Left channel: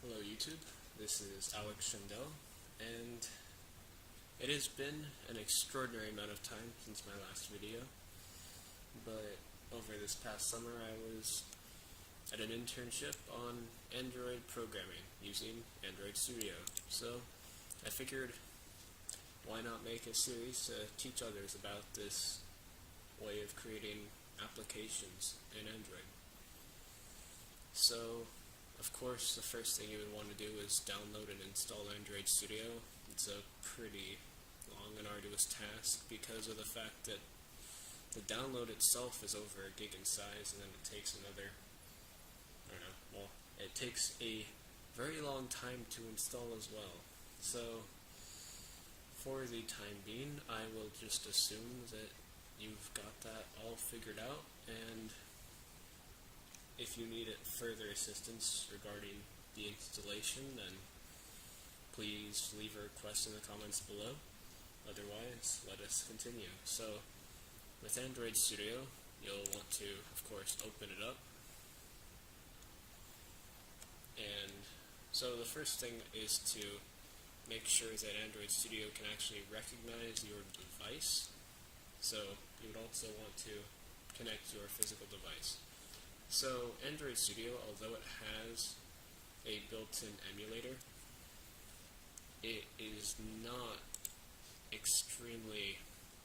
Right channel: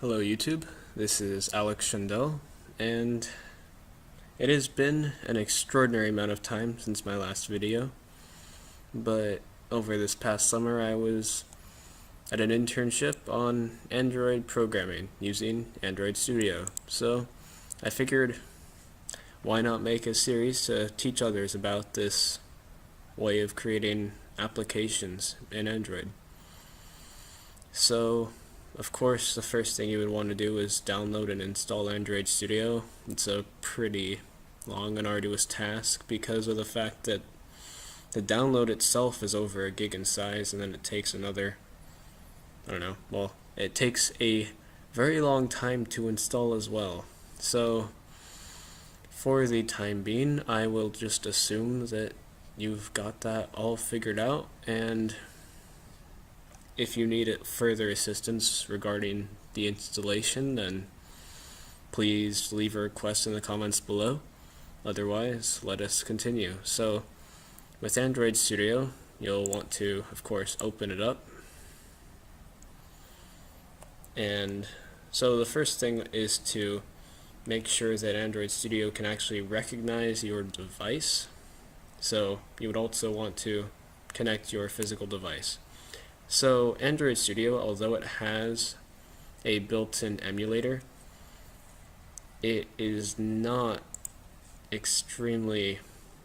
Hello YouTube, this is Alex Shandell, and it has been an extraordinary amount of time since my last video, but over this past summer I was at an internship on Android programming using Android Studio, so I figured why not make a series to teach others about this way of creating applications in Android. So of course, the first thing you would want to do is download and install Android Studio. It's a pretty long and arduous task because of the fact that the download itself is over a gig in size, and then it takes another, it takes a very long time to install as well. So, for the time being, I will just assume that you've got that all figured out, and if you need further assistance regarding the installation, then please leave a request in the comments below. Otherwise, let us continue. So, with Android Studio, you'll want to, of course, open it up. And so the first thing is to make sure that Android Studio can actually recognize your device. So you would also want to connect your physical device. So Android Studio, although it has a built-in emulator, it is not extremely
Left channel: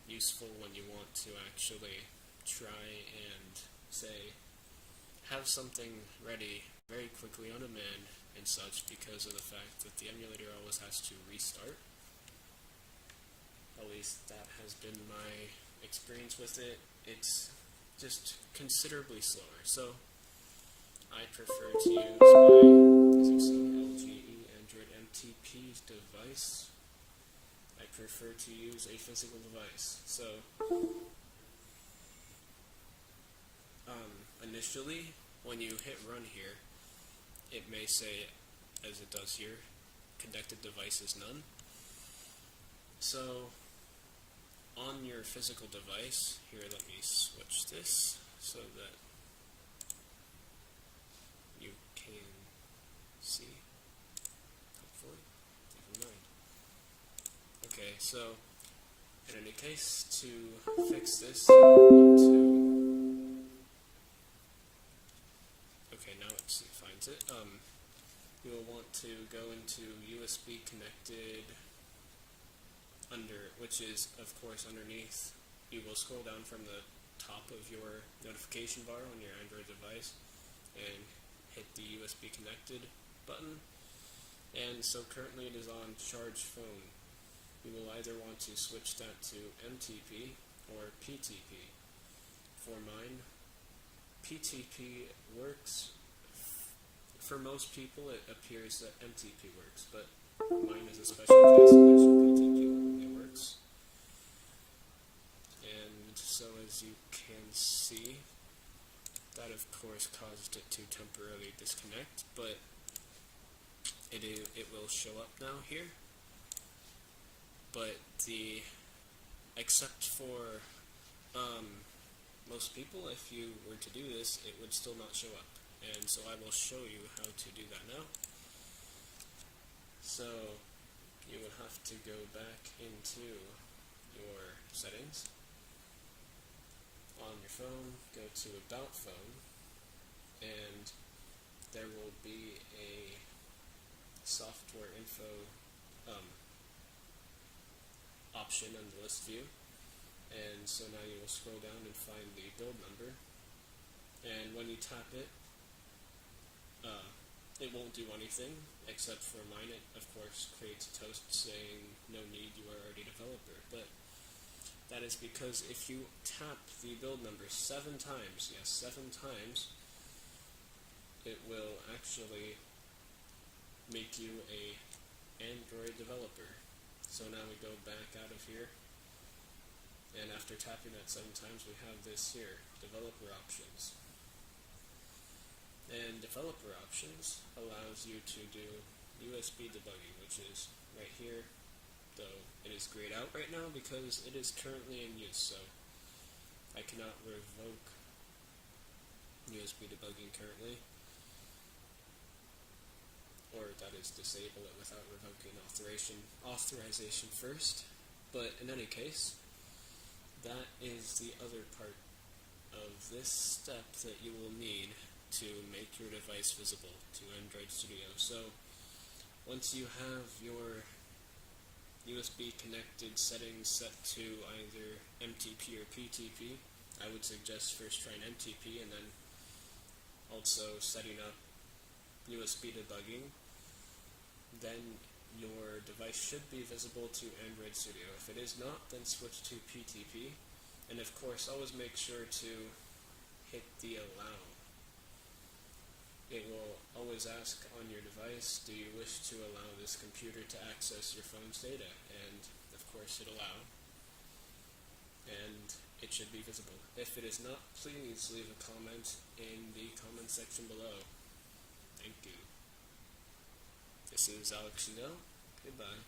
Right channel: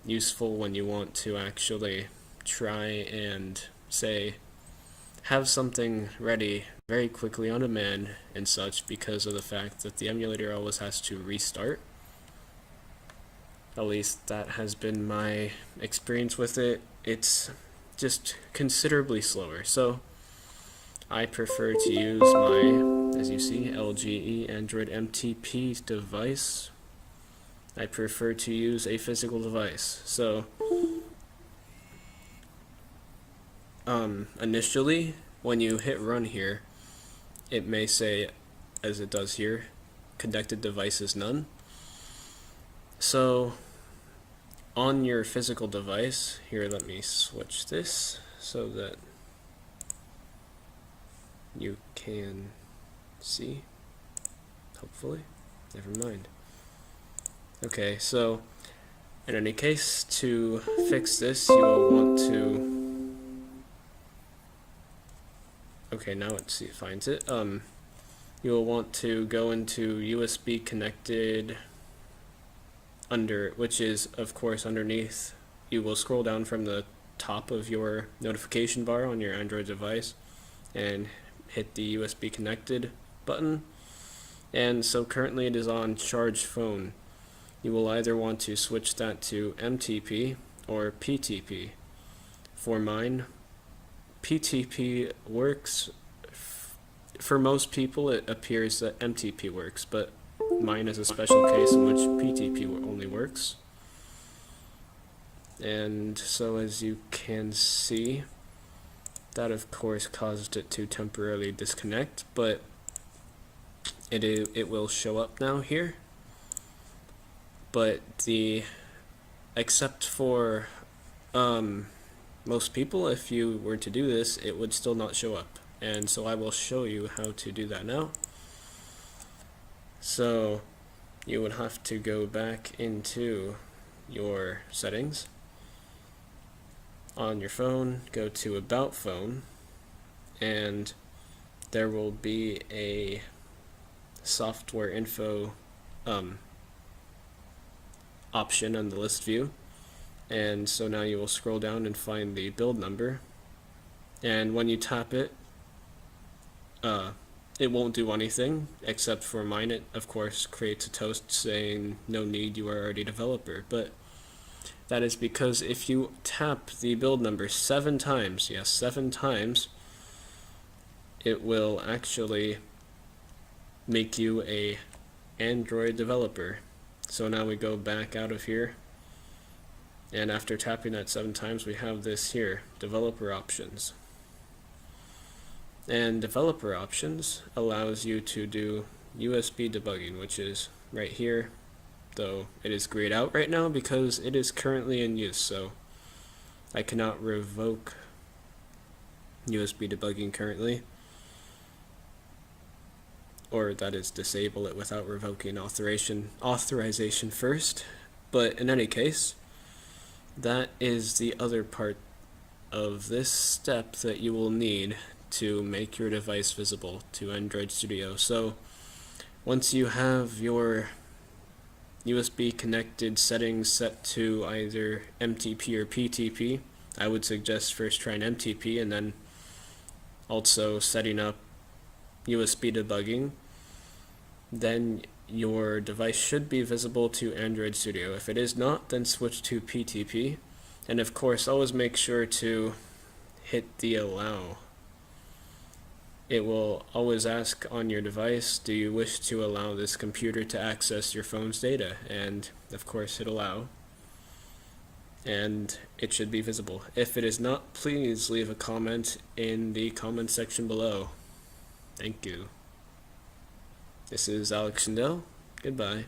useful when you want to actually try and, say, have something ready very quickly on demand and such, because of the fact that the emulator always has to restart. At least that has been my experience with it. It's just considerably slower. So I prefer to use my, as you see, LGE Android MTP device. I prefer to use a physical device. So initially, when you hit run here, it may say, as it does here, connected devices none. So on your physical device, here, let me switch this so that you can see, hopefully. Never mind. Okay, so in any case, to fix this, you will want to, okay, now it finds it. You will want to go into USB connected under, which is of course underneath. You will scroll down from the top of your notification bar on your Android device and hit the USB connected button. And so currently it is on charge phone. You will either want to switch that to MTP or PTP. For mine, PTP works. For most people, it appears that MTP works, but mine is a special case in which PTP only works. And so as you can see, that of course caused it to temporarily disconnect, but it will show up now here. But except for most people, if you were to do this, it would still not show up. And so I will show you how to do that now. So you would have to go back into your settings on your phone, go to About Phone, and there will be a software info option on the list view. And so now you will scroll down and find the build number, and when you tap it, it won't do anything, except for mine it of course creates a toast saying no need, you are already a developer. But that is because if you tap the build number 7 times, yes, 7 times, it will actually make you a Android developer. So now we go back out of here, and after tapping that 7 times, we have this here, developer options. And developer options allows you to do USB debugging, which is right here, though it is grayed out right now because it is currently in use, so I cannot revoke USB debugging currently. or that is disable it without revoking authorization first. But in any case, that is the other part of this step that you will need to make your device visible to Android Studio. So once you have your USB connected settings set to either MTP or PTP, I would suggest first trying MTP and then also setting up USB debugging. Then your device should be visible to Android Studio. If it is not, then switch to PTP. And of course, always make sure to hit the allow. It will always ask on your device, do you wish to allow this computer to access your phone's data? And of course, hit allow. And it should be visible. If it is not, please leave a comment in the comment section below. Thank you. This is Alex Shindell. Goodbye.